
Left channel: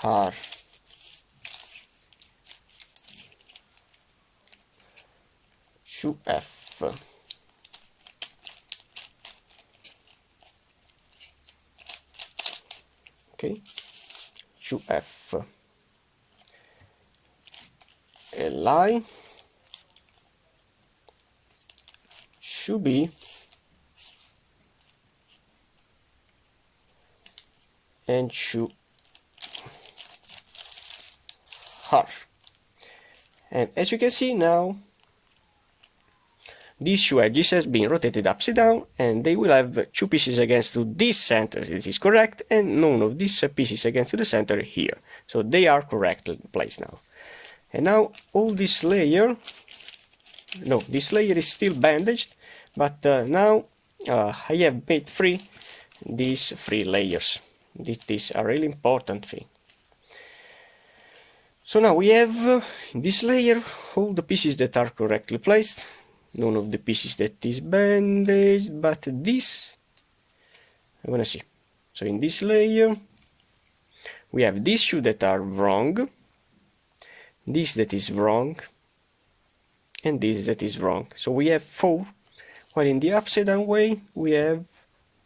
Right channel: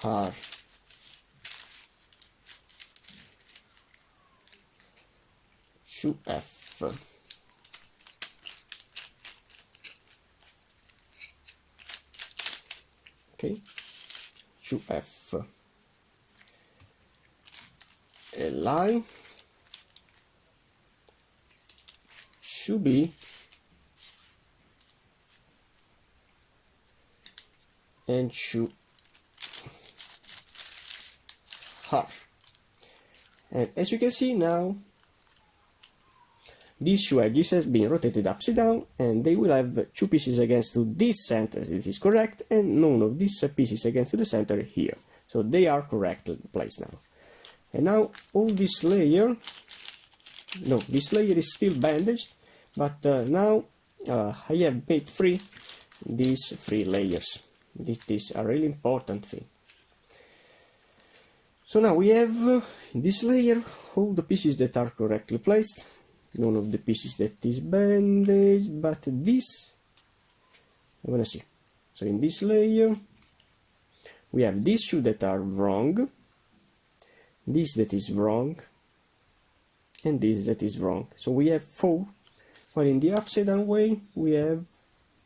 R, 2 F, okay, 2 F, LI, 2 B, and 2 R. And as you can see now, these two edges has been rotated upside down, and they will have two pieces against to this center, this is correct, and none of these pieces against the center here. So they are correctly placed now. And now all this layer, no, this layer is still bandaged, But now I have made these three layers. This is a really important thing. So now we have in this layer all the pieces that are correctly placed, none of the pieces that is bandaged, but this I wanna see. So in this layer we have these shoes that are wrong, this that is wrong, and this that is wrong. So we have 4, while in the upside down way we have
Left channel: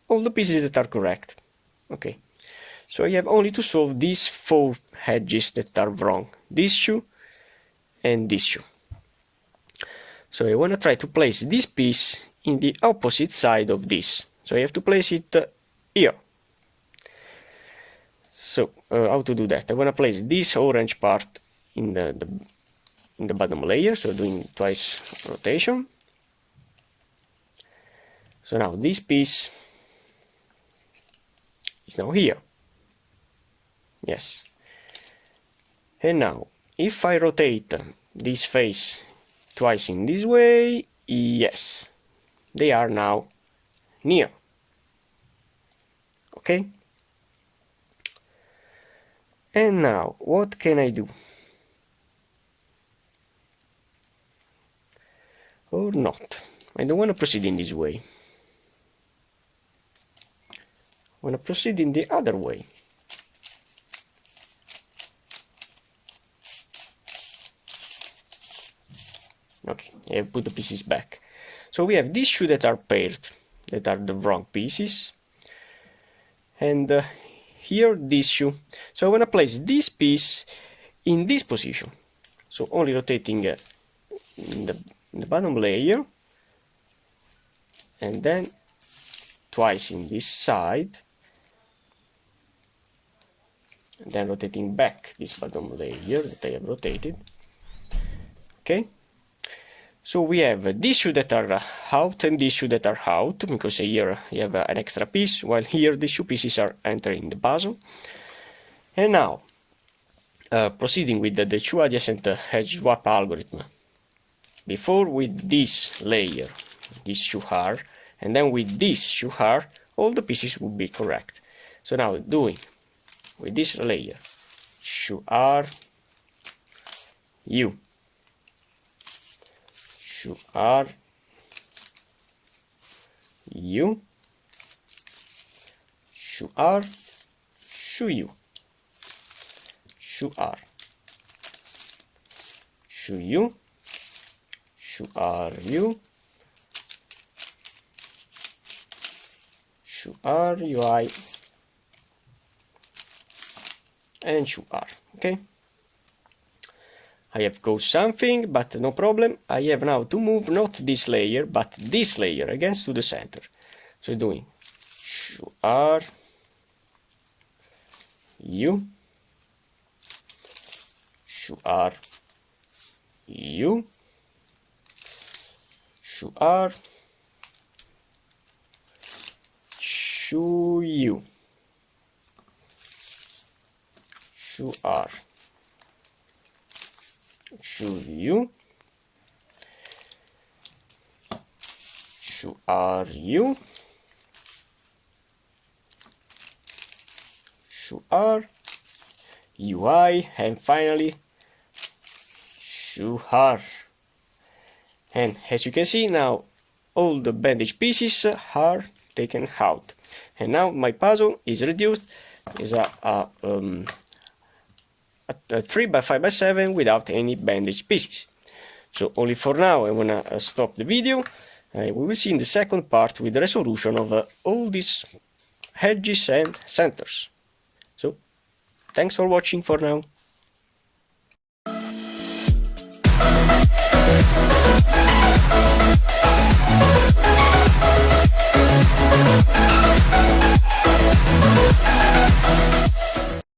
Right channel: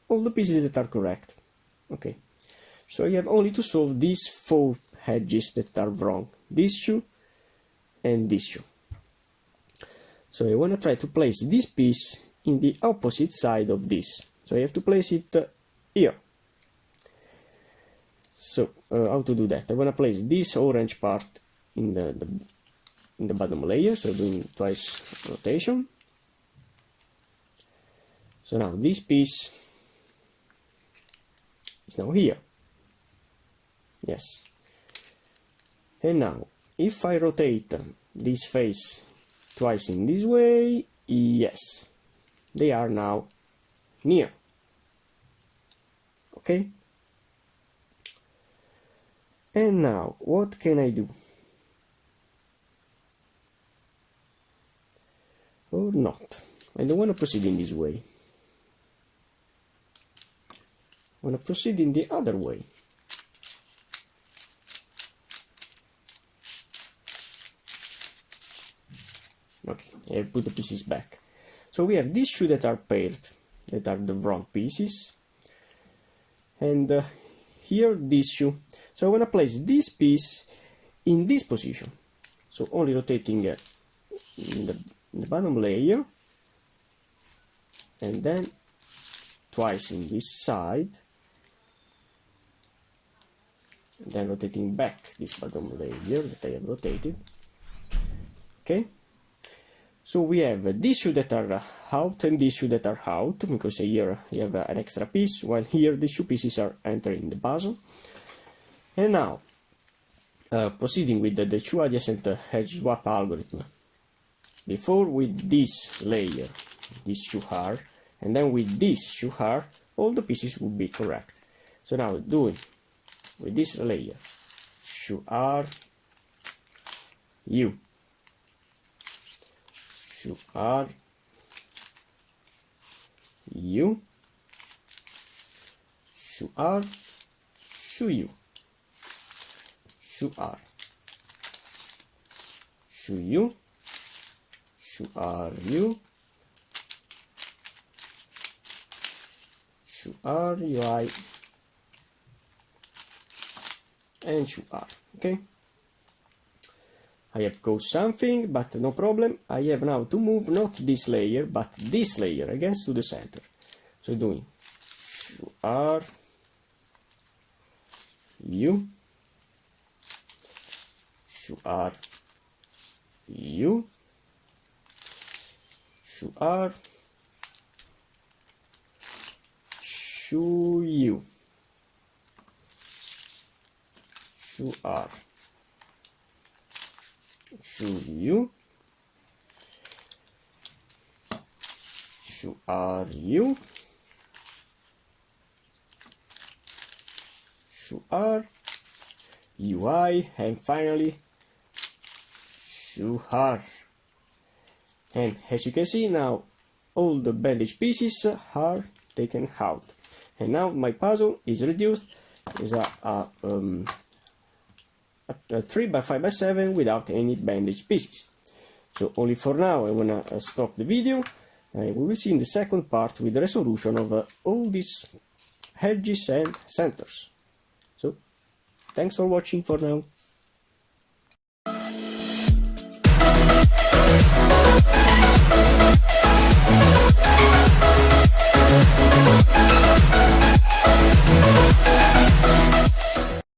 all the pieces that are correct. Okay, so I have only to solve these 4 edges that are wrong, this shoe and this shoe. So I want to try to place this piece in the opposite side of this. So I have to place it here. So how to do that? I want to place this orange part in the bottom layer, so doing twice rotation. So now this piece is now here. Yes. And now if I rotate this face twice in this way, yes, they are now near. Okay. And now what can I do? Or not. I don't want to proceed in this way. I want to proceed in the other way. Okay, I have put the pieces back. So we have these shoes that are paired, that are the wrong pieces. And here this shoe. So I want to place this piece in this position. So only rotating in the bottom layer. And then twice in this side. And then rotating back this bottom layer that I have rotated. Okay. So we have these shoes that are out and these shoes that are out, because here you have an extra piece, while here these 2 pieces are entering the puzzle. And now, proceeding with the 2 adjacent edge swap algorithm. Before with this layer, this shoe are, and then with this shoe are, all the pieces will be correct. So now doing with this layer, shoe are, you. Shoe are, you, shoe are, shoe you, shoe are, shoe you, shoe are you, shoe are UI, and shoe are. Okay. I have caused something, but no problem. I have now to move not this layer, but this layer against to the center. So doing shoe are, you, shoe are, you, shoe are, shoe you, shoe are, shoe you, shoe are you, shoe are, UI, and finally shoe are. And as you can see now, all the bandage pieces are taken out, and now my puzzle is reduced is a 3x5x7 without any bandage pieces. So only for now I wanna stop the video. We will see in the second part with the resolution of all these edges and centers. So thanks for watching for now.